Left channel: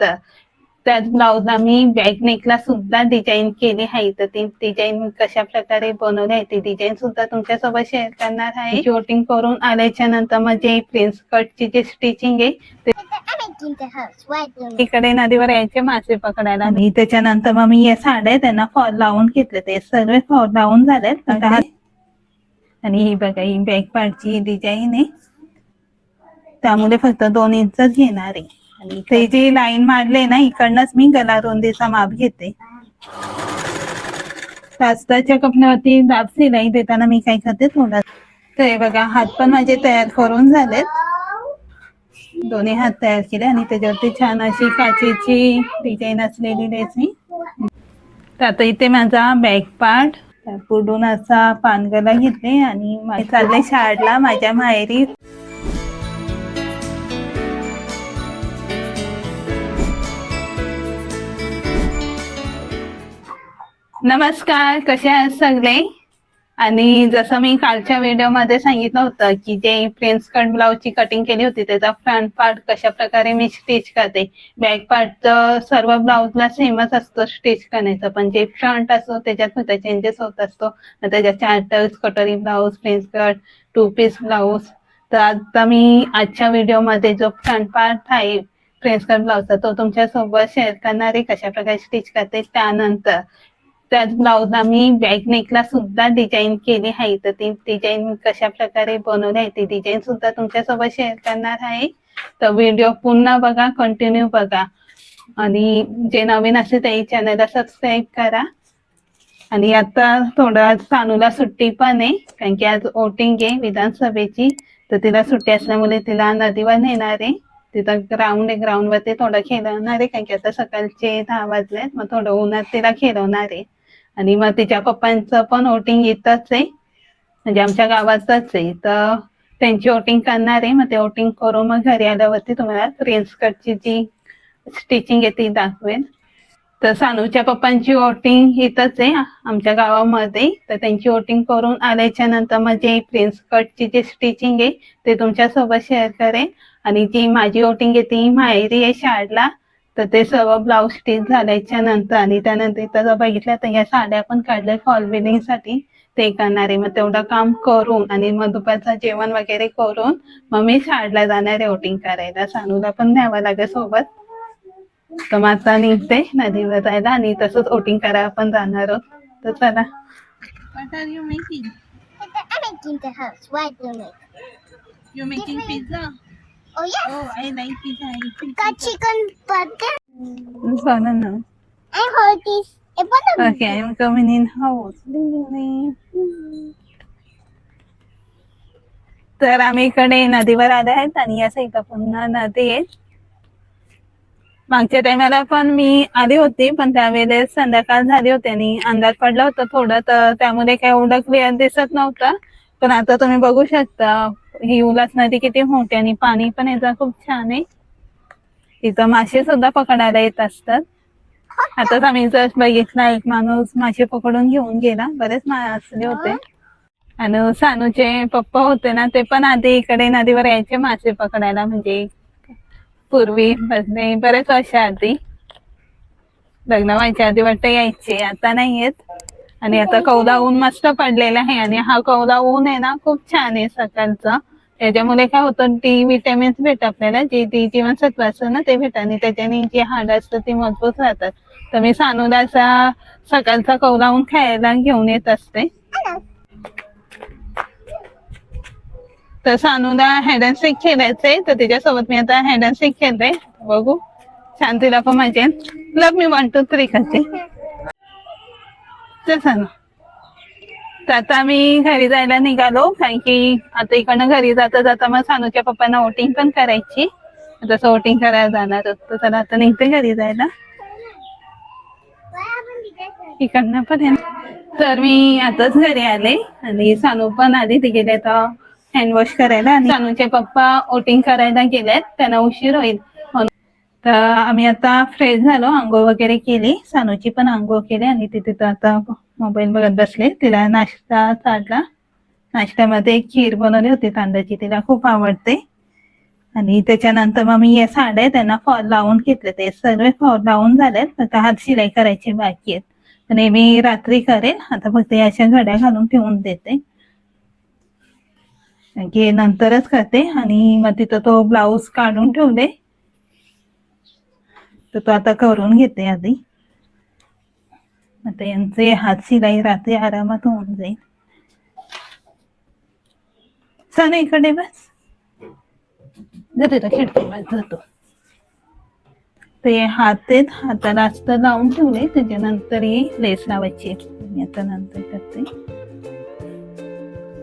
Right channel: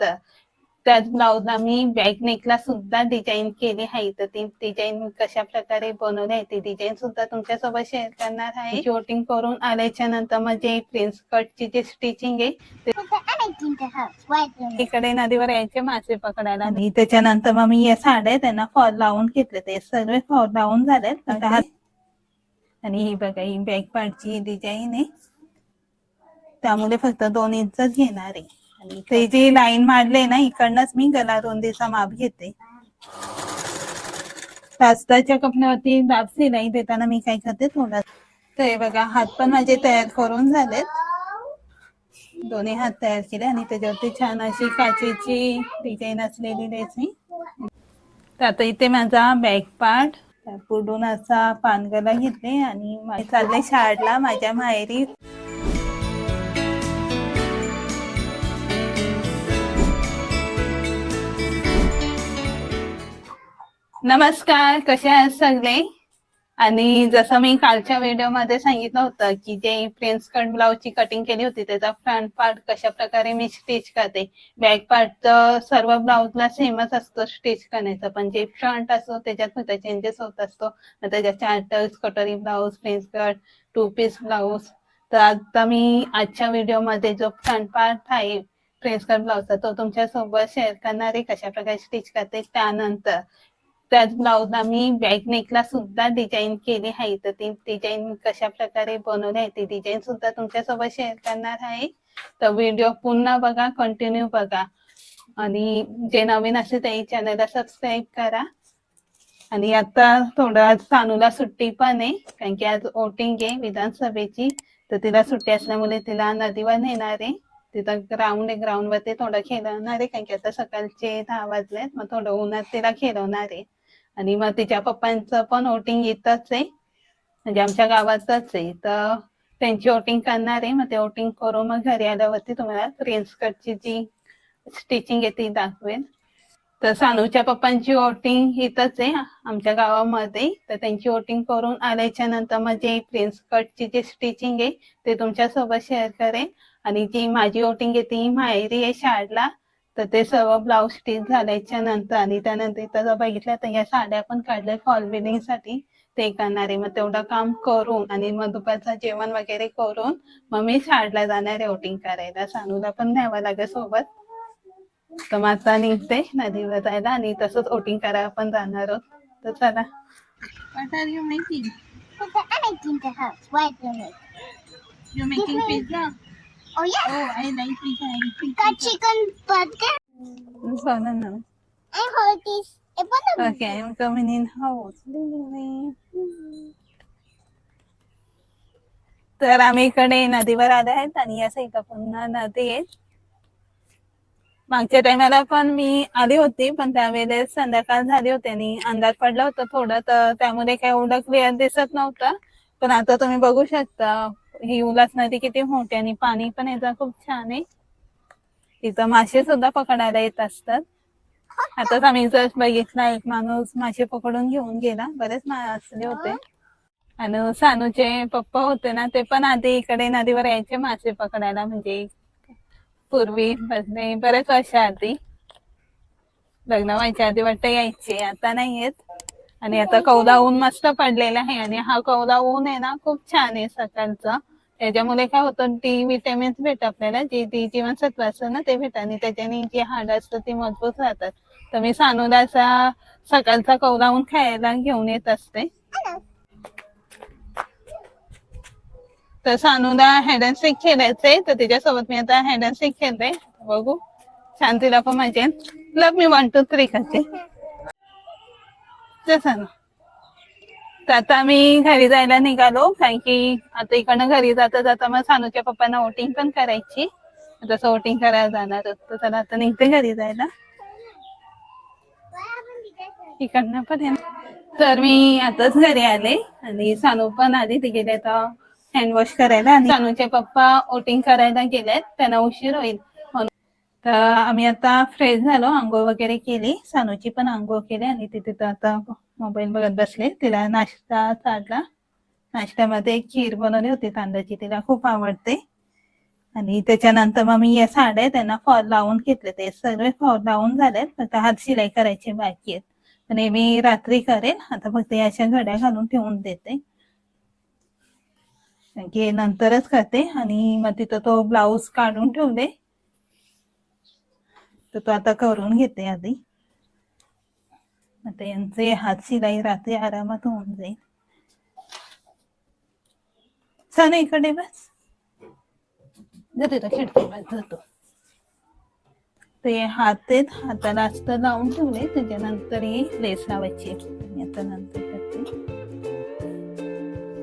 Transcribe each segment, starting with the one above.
त्यानंतर त्याच ब्लाउजला मी बॅक नेकला सुद्धा डिझाईन केली आहे तर ती डिझाईन कशा प्रकारे बनवली आहे ती डिझाईन सुद्धा तुमच्यासोबत शेअर करणार आहे. शूटिंग करून आल्याच्यानंतर म्हणजे प्रिन्स कटची जी स्टिचिंग आहे ते in the house. Why do you इकडे नदीवर यायचे मासे पकडायला. आणि त्याच्यानंतर मग मी या साड्या त्यांना फॉल लावून घेतले ते सर्व फॉल लावून हा- आणि ही बघा ही बॅक पार्टची डिझाईन आहे. त्यामुळे फक्त दोन इंचच घेणार आहे. ते जी लाईन मारले ना इकडनंच मी गला रोंदीचा माप घेते. शास्त्राच्या कपड्यावरती दाब सिलाई देताना मी काय करते थोडा ते बघा हात पण माझे तयार करून झालेत. दोन्ही हात तयार केले आणि त्याच्यावरती छान अशी काचेची डिझाईन असलेली लेस मी तर आता इथे माझा बॅक पार्ट पुढून असा पानगला घेतले आणि मा- चालले शाळेला माझ्या माहेरी नमस्कार कसे आहात सगळे? आणि जसं मी कालच्या व्हिडिओमध्ये सांगितलं होतं की जे प्रिन्स कट ब्लाउजची कटिंग केली होती त्याचा फ्रंट पार्ट कशा प्रकारे मी स्टिच करते? बॅक पार्ट तर सर्व ब्लाउजला सेमच असतो स्टिच करण्याचा. पण जे फ्रंट असतो त्याच्यात सुद्धा चेंजेस होत असतो. त्याच्यात चार्टर्स कटोरी blouse prince cut two piece blouse तर आता मी आजच्या व्हिडिओमध्ये जो फ्रंट पार्ट आहे प्रिन्स कट ब्लाऊजचा तो तुमच्यासोबत शेअर करणार आहे कशा प्रकारे स्टिच करते त्यानंतर. त्याच ब्लाउजला मी बॅक नेकला सुद्धा डिझाईन केली आहे. तर ती डिझाईन कशा प्रकारे बनवली आहे ती डिझाईन सुद्धा तुमच्यासोबत शेअर करणार आहे. तर व्हिडिओ पुन्हा बघा कंटिन्यू बघा. आणि जे नवीन असेल ते चॅनलला सबस्क्राईब करा. आणि आता थोडा सानूला सुट्टी पण आहे कारण की आज वोटिंग आहे विधानसभेची. तर तिला सुट्टी असल्यामुळे तिला नदीवर नेणार आहे. तिथं ग्राउंड आहे ग्राउंड वरती थोडं खेळवणार आहे कारण की आता सकाळचे दहा वाजलेत मग थोडं उन्हात तिला खेळवणार आहे. आणि मग तिच्या पप्पांचं पण वोटिंग येतच आहे. म्हणजे आमच्या गावातच आहे. तर त्यांची वोटिंग करणार आहे. मग ते वोटिंग करून मग घरी आल्यावरती तुम्हाला प्रिन्स जी स्टिचिंग आहे ती दाखवेल तर सानूच्या पप्पांची वोटिंग इथंच आहे आमच्या गावामध्ये. तर त्यांची वोटिंग करून आल्याच्यानंतर मग जे प्रिन्स कटची जी स्टिचिंग आहे ते तुमच्यासोबत शेअर करेन. आणि जी माझी वोटिंग आहे ती माहेरी आहे शाळेला. तर ते सर्व ब्लाऊज स्टिच झाल्याच्यानंतर आणि त्यानंतर इथं जर बघितलं तर या साड्या पण काढल्या फॉलसाठी ते करणार आहे मग तेवढं काम करून आणि मग दुपारचं जेवण वगैरे करून मग मी शाळेला जाणार आहे वोटिंग करायला सानूला पण न्यावं लागेल सोबत तर मग आता निघते नदीवर जायला आणि तसंच वोटिंग करायला पण जाणार आहोत तर चला What are you making? I'm making the house. Why do you make? You making pizza? Sana na. I hold this. I. Okay, I'm coming in house. तर आम्ही इकडे नदीवर आले आहेत आणि या साईडला पुन्हा नदी आहे मागच्या टायमाला पण मी आली होती पण त्यावेळेस संध्याकाळ झाली होती आणि अंधार पडला होता थोडं तर त्यामुळे काही एवढं क्लिअर दिसत नव्हतं पण आता तुम्ही बघू शकता ही उल्हास नदी किती मोठी आणि पाणी पण याचं खूप छान आहे. तिथं मासे सुद्धा पकडायला येत असतात. आताच आम्ही जस्ट बघितला एक माणूस मासे पकडून घेऊन गेला. बरेच मासे होते. आणि सानूचे पप्पा होते ना ते पण आधी इकडे नदीवर यायचे मासे पकडायला. म्हणजे पूर्वी बरेच वर्ष आधी? लग्न व्हायच्या आधी वाटतं यायचे. आता नाही येत. आणि आता कौला ऊन मस्त पडलेला आहे आणि हा कौला ऊन आहे ना खूप छान आहे सकाळचं. त्याच्यामुळे काय होतं डी विटॅमिन्स भेट आपल्याला जे डी जीवनसत्व असतं ना ते भेट आणि त्याच्याने जी हाड असतं ती मजबूत राहतात. तर मी असा सकाळचा कौला ऊन खायला घेऊन येत असते. तर सानूला हॅड अँड सीक खेळायचंय तर तिच्यासोबत मी आता हॅड अँड सीक खेळते. बघू. छान तिला पण येईल लग मी वन टू थ्री करते. ते तर आता मी घरी जायला निघालो. कारण की आता इकडनं घरी जाता जाता मग सानूच्या पप्पांना वोटिंग पण करायची. तसं वोटिंग करायला जाणार होतो तर चला आता निघते घरी जायला. इकडनं पण आहे. तर मी आताच घरी आले आणि सानू पण आले ते गेले आता हँड वॉश करायला. आणि सानूचे पप्पा वोटिंग करायला गेलेत. त्यांना उशीर होईल. तर आम्ही आता फ्रेश झालो आंघोळ वगैरे केली. सानूची पण आंघोळ केली आणि ती तिथं आता मोबाईल बघत बसले. तिला नाश्ता चालला नाश्त्यामध्ये खीर बनवली होती तांदळाची तिला खूप आवडते. आणि त्याच्यानंतर मग मी या साड्या त्यांना फॉल लावून घेतले. ते सर्व फॉल लावून झालेत. फक्त हात शिलाई करायची बाकी आहेत. तर नेहमी रात्री करेन. आता फक्त अशा घड्या घालून ठेवून देते. नंतरच करते. आणि मग तिथं तो ब्लाऊज काढून ठेवले. तर तो आता करून घेते आधी. आता यांचे हात शिलाई रात्री आरामात होऊन जाईल. साने इकडे बस. जाते तो खिडकीवर जातो ते हात आहेत हाताला असत लावून ठेवले त्याच्यानंतर ही लेस लावायची आता नंतर करते.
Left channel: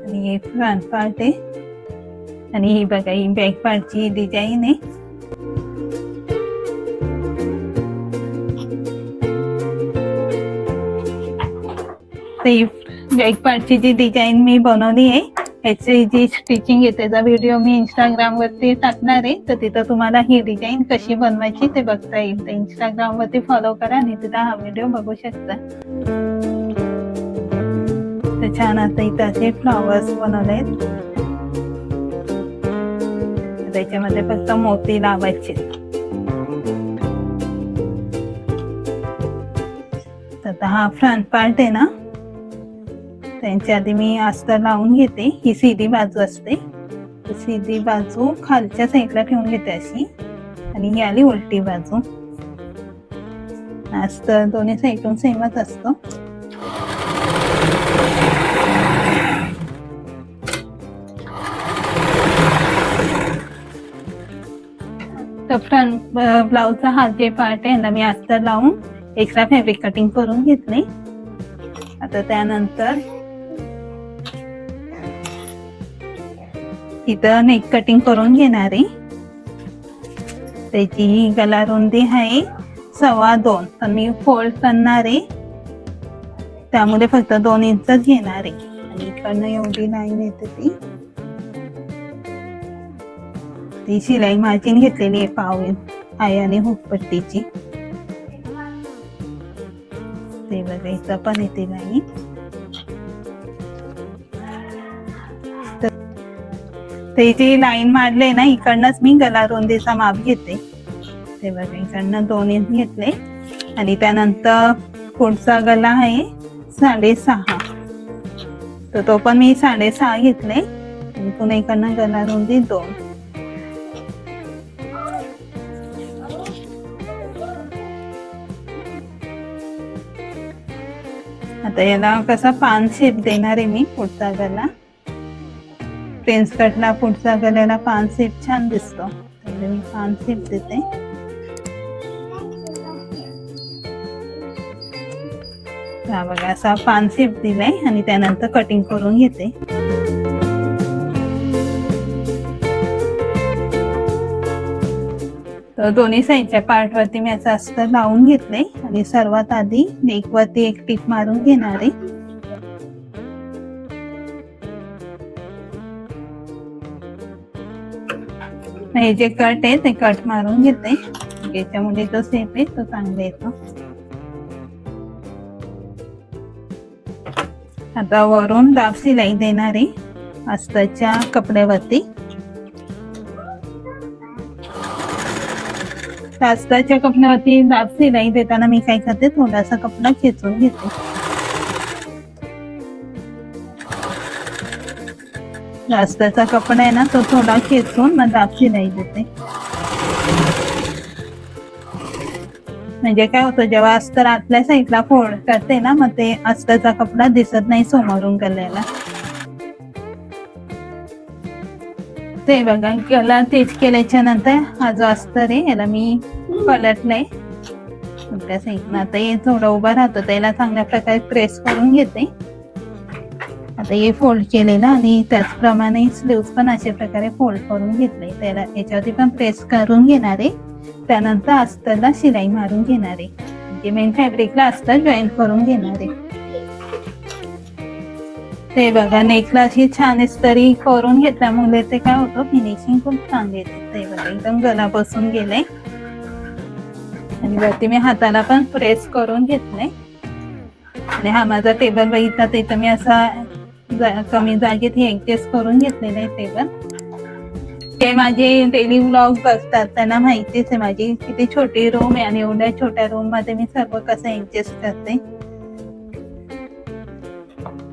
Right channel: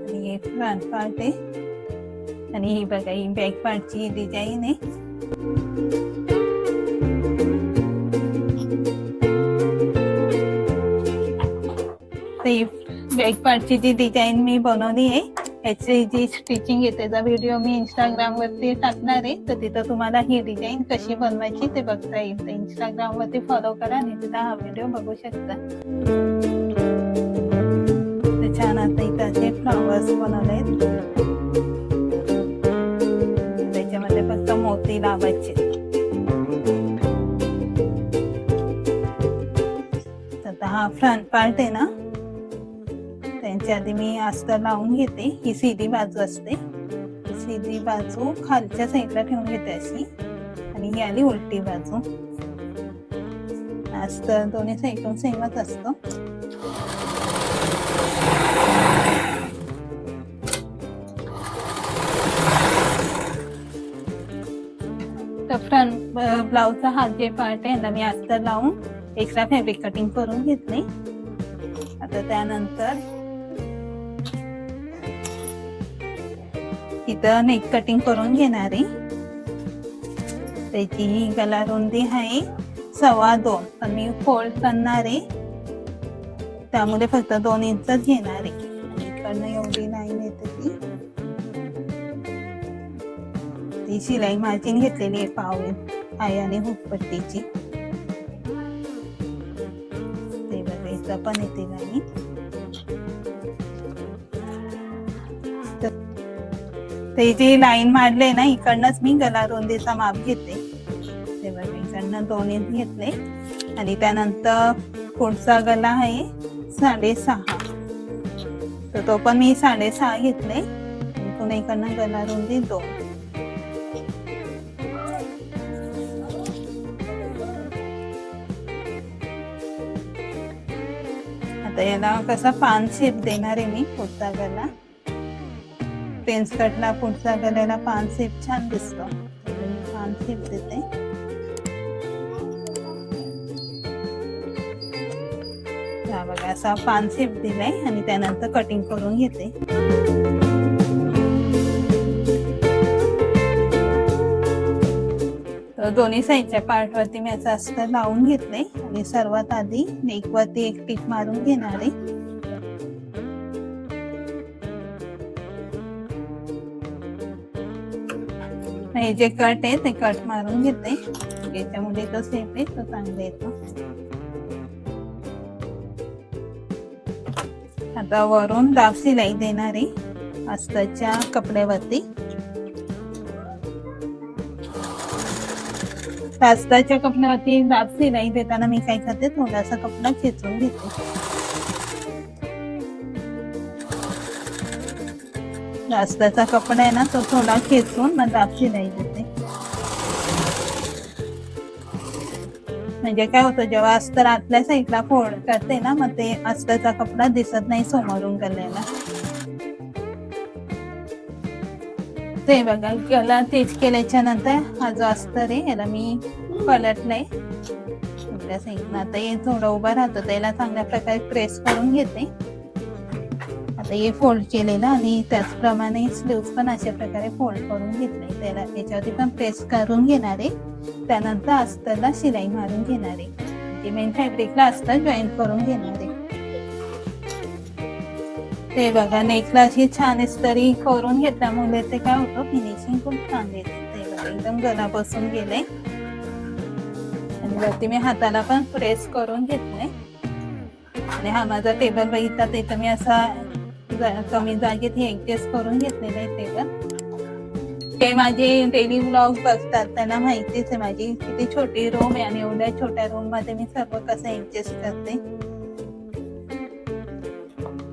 आणि हे फ्रंट पार्ट आहे. आणि ही बघा ही बॅक पार्टची डिझाईन आहे. ते बॅक पार्टची जी डिझाईन मी बनवली आहे. ह्याची जी स्टिचिंग आहे त्याचा व्हिडिओ मी इंस्टाग्राम वरती टाकणार आहे. तर तिथं तुम्हाला ही डिझाईन कशी बनवायची ते बघता येईल. तर इंस्टाग्राम वरती फॉलो करा आणि तिथं हा व्हिडिओ बघू शकता. तर छान आता इथं असे फ्लॉवर्स बनवले आहेत. त्याच्यामध्ये फक्त मोती लावायचे. तर हा फ्रंट पार्ट आहे ना त्यांच्या आधी मी अस्तर लावून घेते. ही सीधी बाजू असते. सीधी बाजू खालच्या साईडला ठेवून घेते अशी. आणि ही आली उलटी बाजू. अस्तर दोन्ही साईडून सेमच असतो. तर फ्रंट ब्लाऊजचा हा जे पार्ट आहे ना मी अस्तर लावून एक्स्ट्रा फॅब्रिक कटिंग करून घेतले. आता त्यानंतर इथं नेक कटिंग करून घेणार आहे. त्याची ही गला रुंदी आहे सव्वा दोन. तर मी फोल्ड करणार आहे. त्यामुळे फक्त दोन इंचच घेणार आहे. इकडनं एवढी लाईन येते ती. ती शिलाई मार्जिन घेतलेली आहे पाव आहे आणि हुकपट्टीची ते बघायचं पण येते लाईन ते जी लाईन मारले ना इकडनंच मी गला रुंदीचा माप घेते. ते बघा इकडनं दोन इंच घेतले. आणि त्यानंतर पुढचा गला आहे साडेसहा. तर तो पण मी साडेसहा घेतले. पुन्हा इकडनं गला रुंदी दोन. आता याला कसा पान शेप देणार आहे मी पुढचा गला. पेन्स कटला पुढचा गल्याला पान सेप छान दिसतो. मी पान सेप देते. हा बघा असा पान सेप दिलाय आणि त्यानंतर कटिंग करून घेते. दोन्ही साईडच्या पार्ट वरती मी असं अस्तर लावून घेतले आणि सर्वात आधी नेक वरती एक टिप मारून घेणार. आहे हे जे कट आहे ते कट मारून घेते. याच्यामध्ये तो सेप आहे तो चांगला येतो. आता वरून दाब शिलाई देणार आहे अस्ताच्या कपड्यावरती. अस्ताच्या कपड्यावरती दाब शिलाई देताना मी काय करते थोडासा कपडा खेचून घेते. जास्तचा कपडा आहे ना तो थोडा खेचून मग दाब नाही देते म्हणजे काय होतं जेव्हा अस्तर आतल्या साईडला फोड करते ना मग ते अस्तरचा कपडा दिसत नाही समोरून गल्याला. ते बघा कलर तेच केल्याच्यानंतर हा जो अस्तर आहे याला मी पलटलाय. त्या साईडला आता हे थोडं उभा राहतो त्याला चांगल्या प्रकारे प्रेस करून घेते. आता हे फोल्ड केलेलं आणि त्याचप्रमाणे स्लीव्स पण अशा प्रकारे फोल्ड करून घेतले त्याला याच्यावरती पण प्रेस करून घेणार आहे. त्यानंतर अस्तरला शिलाई मारून घेणार आहे. म्हणजे मेन फॅब्रिकला अस्तर जॉईन करून घेणार आहे. ते बघा नेकला ही छान इस्तरी करून घेतल्यामुळे ते काय होतं? फिनिशिंग खूप छान येते. ते बघा एकदम गला बसून गेले आणि वरती मी हाताला पण प्रेस करून घेतले आणि हा माझा टेबल बघितला तिथं मी असा कमी जागेत हे ऍडजस्ट करून घेतलेलं आहे पण. ते माझे डेली ब्लॉग बघतात त्यांना माहितीच आहे माझी. किती छोटी रूम आहे आणि एवढ्या छोट्या रूममध्ये मी सर्व कसं ऍडजस्ट करते.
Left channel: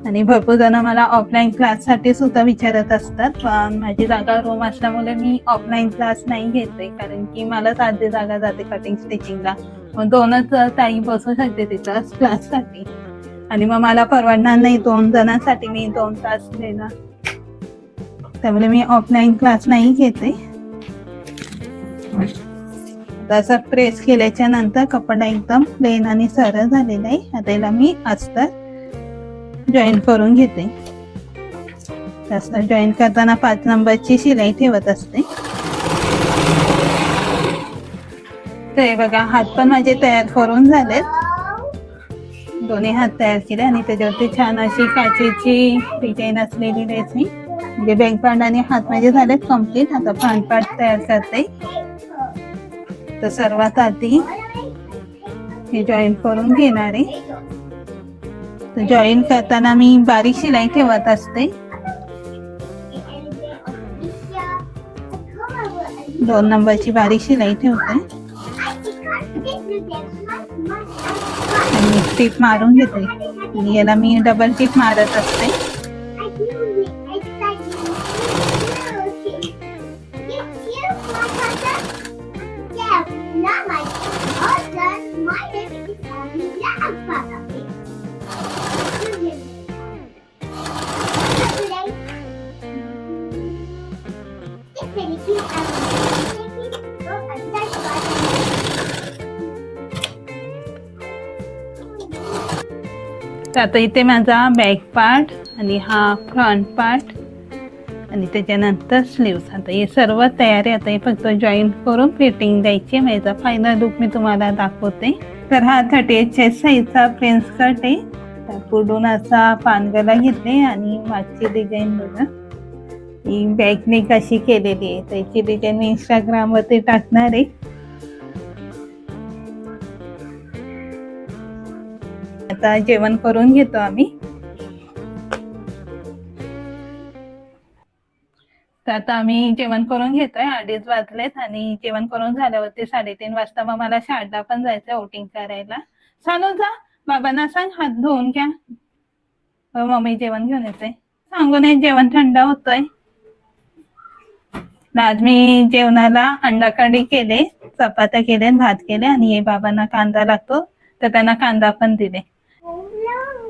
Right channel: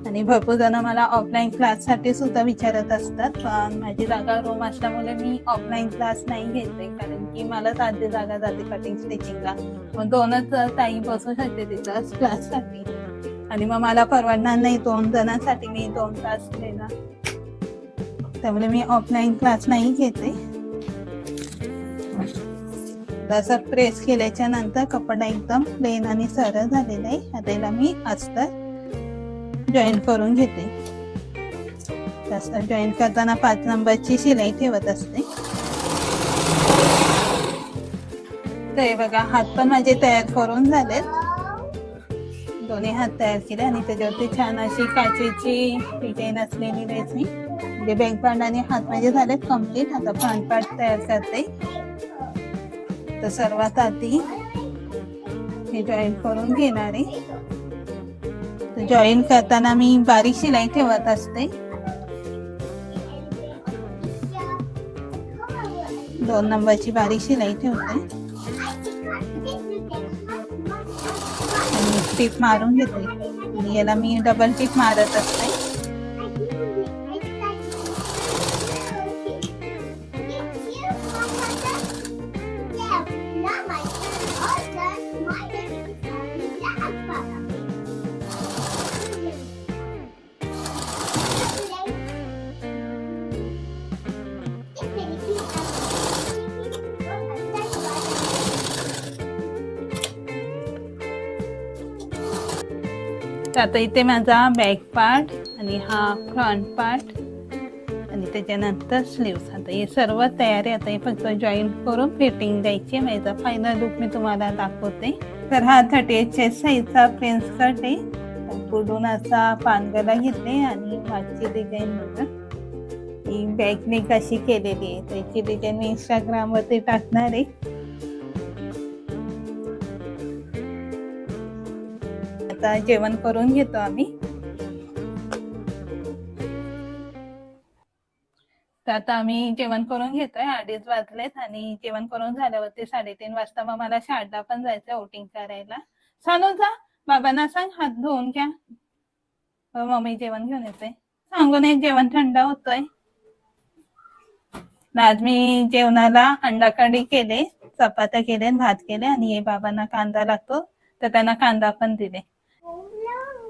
आणि भरपूर जण मला ऑफलाईन क्लाससाठी सुद्धा विचारत असतात पण माझी जागा रूम असल्यामुळे मी ऑफलाईन क्लास नाही घेते कारण की मला साध्य जागा जाते कटिंग स्टिचिंगला मग दोनच ताई बसू शकते तिथं क्लाससाठी आणि मग मला परवडणार नाही दोन जणांसाठी मी दोन तास घ्यायला त्यामुळे मी ऑफलाईन क्लास नाही घेते. तसं प्रेस केल्याच्यानंतर कपडा एकदम प्लेन आणि सरळ झालेला आहे. आता याला मी अस्तर जॉईन करून घेते. अस्तर जॉईन करताना पाच नंबरची शिलाई ठेवत असते. ते बघा हात पण माझे तयार करून झालेत. दोन्ही हात तयार केले आणि त्याच्यावरती छान अशी काचेची डिझाईन असलेली ड्रेस मी म्हणजे बँक पार्ट आणि हात माझे झालेत कंप्लीट आता फ्रंट पार्ट तयार करते. तर सर्वात आधी हे जॉईन करून घेणार आहे. तर जॉईन करताना मी बारीक शिलाई ठेवत असते. दोन नंबरची बारीक शिलाई ठेवते. टीप मारून घेते. आणि याला मी डबल टीप मारत असते. आता इथे माझा बॅक पार्ट आणि हा फ्रंट पार्ट आणि त्याच्यानंतर स्लीव्स आता हे सर्व तयार आहे आता हे फक्त जॉईन करून फिटिंग द्यायची आहे. माझा फायनल लुक मी तुम्हाला दाखवते. तर हा थर्टी एट चेस्ट साईजचा प्रिन्स कट आहे पुढून असा पानगला घेतले आणि मागची डिझाईन बघा. ही बॅगने कशी केलेली आहे. त्याची डिझाईन मी इंस्टाग्रामवरती टाकणार आहे. आता जेवण करून घेतो आम्ही. तर आता आम्ही जेवण करून घेतोय अडीच वाजलेत आणि जेवण करून झाल्यावरती साडेतीन वाजता मग मला शाळेला पण जायचंय ओटिंग करायला. सांगू जा बाबांना सांग हात धुवून घ्या. हो, मम्मी जेवण घेऊन येते. सांगू नये जेवण थंड होतोय. आज मी जेवणाला अंडा केले चपात्या केले भात केले आणि हे बाबांना कांदा लागतो तर त्यांना कांदा पण दिले.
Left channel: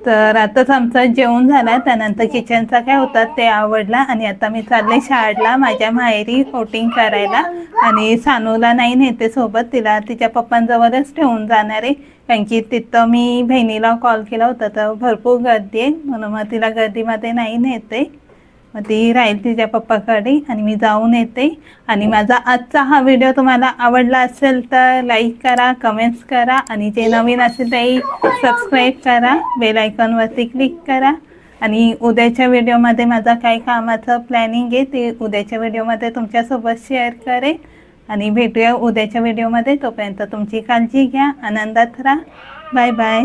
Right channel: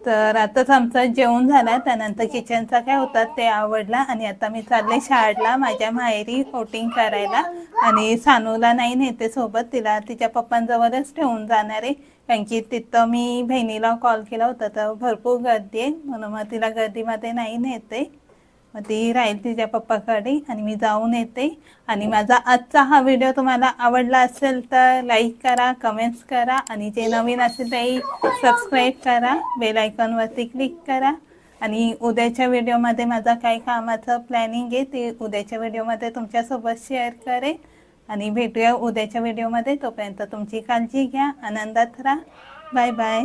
तर आताच आमचं जेवण झालं त्यानंतर किचनचा काय होता ते आवडला आणि आता मी चालले शाळेला माझ्या माहेरी फोटिंग करायला आणि सानूला नाही नेते सोबत तिला तिच्या पप्पांजवळच ठेवून जाणार आहे. कारण की तिथं मी बहिणीला कॉल केला होता तर भरपूर गर्दी आहे म्हणून मग तिला गर्दीमध्ये नाही नेते. मग ती राहील तिच्या पप्पाकडे आणि मी जाऊन येते. आणि माझा आजचा हा व्हिडिओ तुम्हाला आवडला असेल तर लाईक करा कमेंट्स करा आणि जे नवीन असेल ते सबस्क्राईब करा. बेल आयकॉनवरती क्लिक करा. आणि उद्याच्या व्हिडिओमध्ये माझा काय कामाचं प्लॅनिंग आहे ते उद्याच्या व्हिडिओमध्ये तुमच्यासोबत शेअर करेन. आणि भेटूया उद्याच्या व्हिडिओमध्ये तोपर्यंत तुमची काळजी घ्या. आनंदात राहा. Bye bye